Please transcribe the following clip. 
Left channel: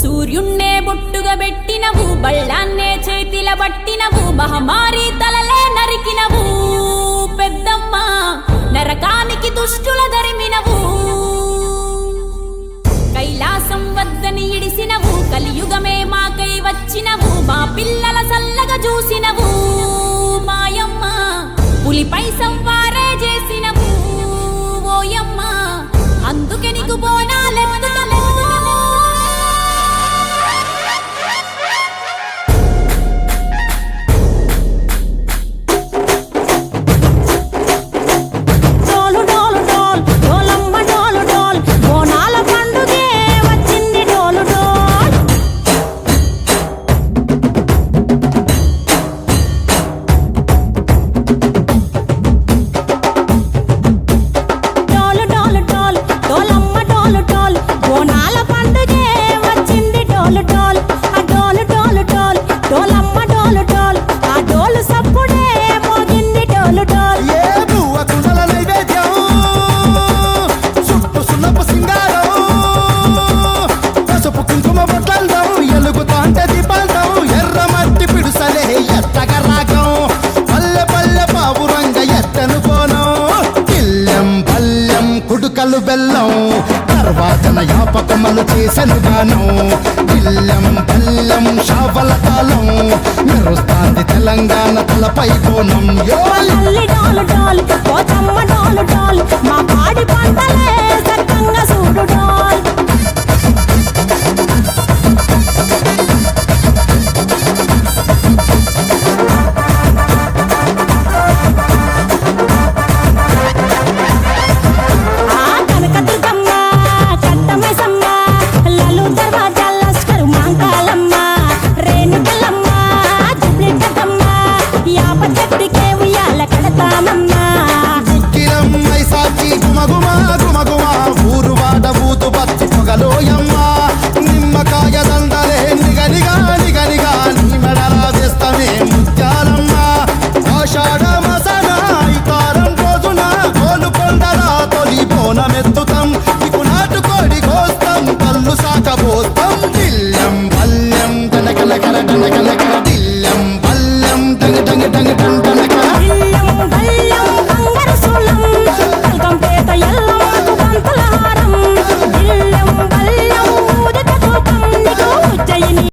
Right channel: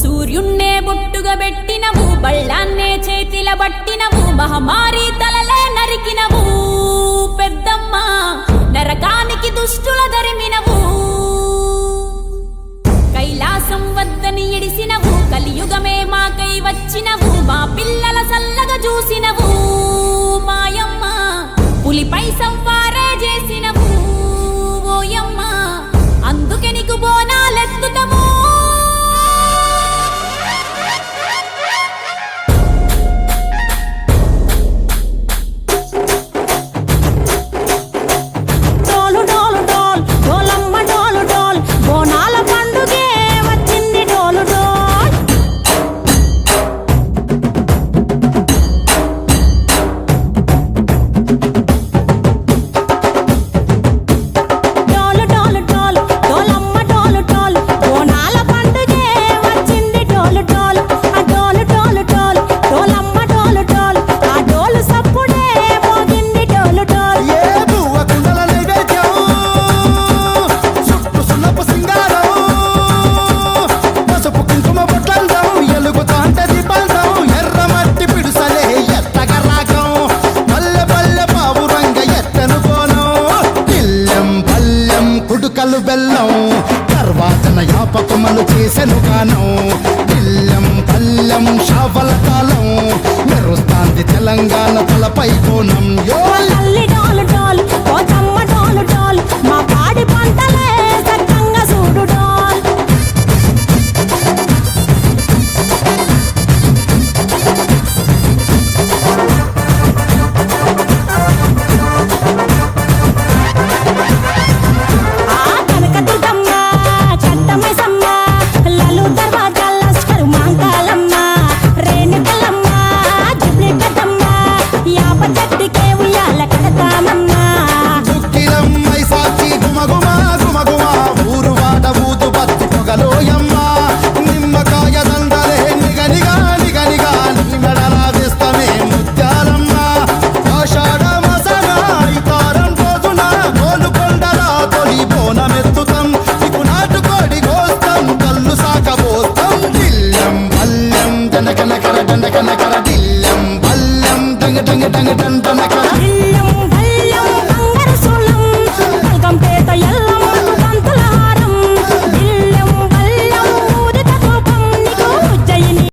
సూర్యున్నే బొట్టుగా పెట్టినవు, బళ్ళాన్నే చేతిల పట్టినవు, మహమారి తలలే నరికినవు పెద్దమ్మ, నరకానికి దుష్టుల దరిమినవు. కైలాసం వద్దని ఇడిసినవు, కలియుగమే మాకై వచ్చినవు, మా పిల్లల సల్లగా చూసినవు మాయమ్మ, పులిపై సంవారే చేసినవు ఓయమ్మ, అందుకే నీకు బోనాలెత్తుతము. ఎలుగుతాంటే దీపాలతో ఎర్రమట్టి పిడుసలే ఎత్తగ రాగం, పల్లె పల్లె పావురంగ ఎత్తను కోనం, పిల్లెం పల్లెం కుడుకలు బెల్లం, తర్వాతన యాపకమలు చేసెను గానం, పిల్లెం పల్లెం షావల తాళం, మెరుస్తాంది తెలంగాణ తలపై కోణం. మా పాడి పంటలే సక్కంగా చూడు డాల్. దుక్కిలమ్మై సాచి గుమగుమ గుమగుమ, ఊరు వాడ ఊదు బత్తి పొగలోయమ్మ, నిమ్మకాయ దండలే నిగనిగా నిగనిగా, నీ మెడలా వేస్తమే ముత్యాలమ్మ, ఆషాఢ మసన ఇతారం రోజున గోలుకొండల తొలి బోనమెత్తుతాం, నీకు నాటుకోడి కోస్తాం, కళ్ళు సాకబోస్తాం, దిల్లెం పల్లెం దండకనకర దండకనకర, దిల్లెం పల్లెం డంగ డంగ డంగ డండనకర, బంగారు సోళం పల్కంపేట ఎల్లమ్మకు బంత